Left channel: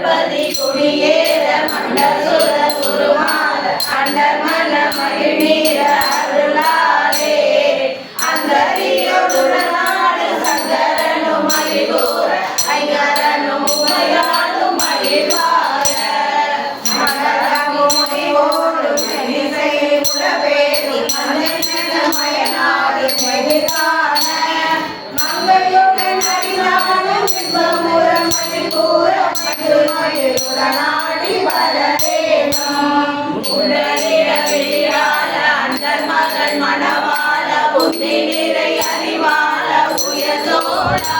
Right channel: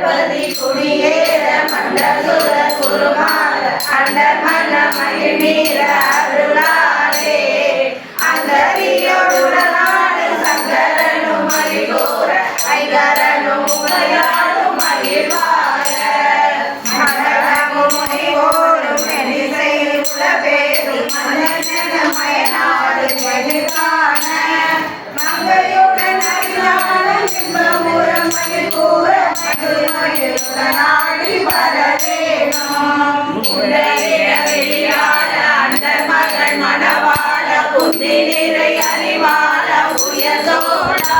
திருப்பதி குடியேற மண்டசுர குருமார அண்டர் மன மகிழ்நீர அருளாரே அந்தரியோடுடனாடு சங்கரனும் மகிழ்வோர ஐகரனும் உமையாடும் மகிழ்வார. மண்டலமும் மகிழ்வோடும் மெனிசை உலபேது மன்னன மயனாடு மகிழ்வான. மங்கையுடன் அகிலானும் இன்பமுறம் மகிழ்வோர மகிழ் மகிழ்வுடனாடி வரவேணும் உடலிட வெளியாட அண்டர் மகள் மணவாள புத்தி நிறை அறிவாள உயர்ந்தோடா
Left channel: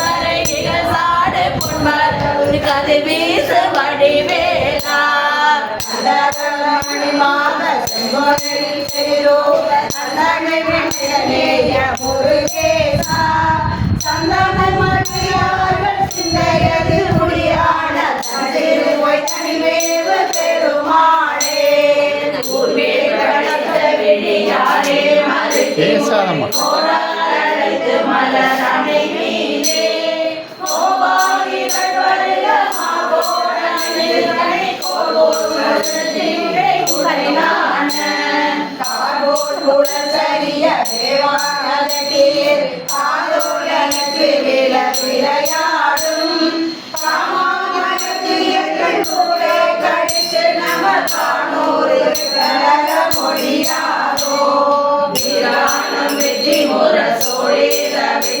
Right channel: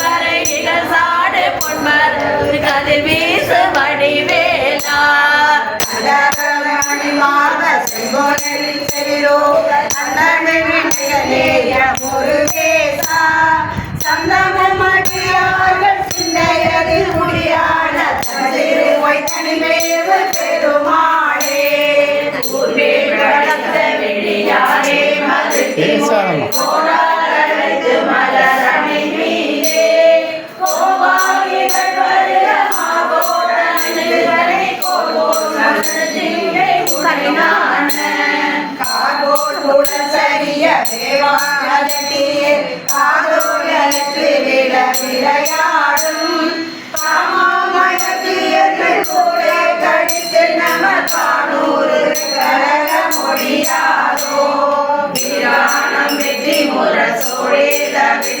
வரைகிற சாடு பொன்மரவு கதிர் உடல் சரிய எனக்கு விட விளையாடும்.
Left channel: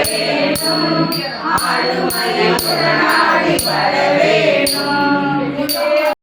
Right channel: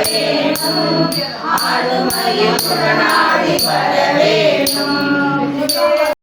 வரவேணும் ஆடு மகிழ்வுடனாடி வரவேணும்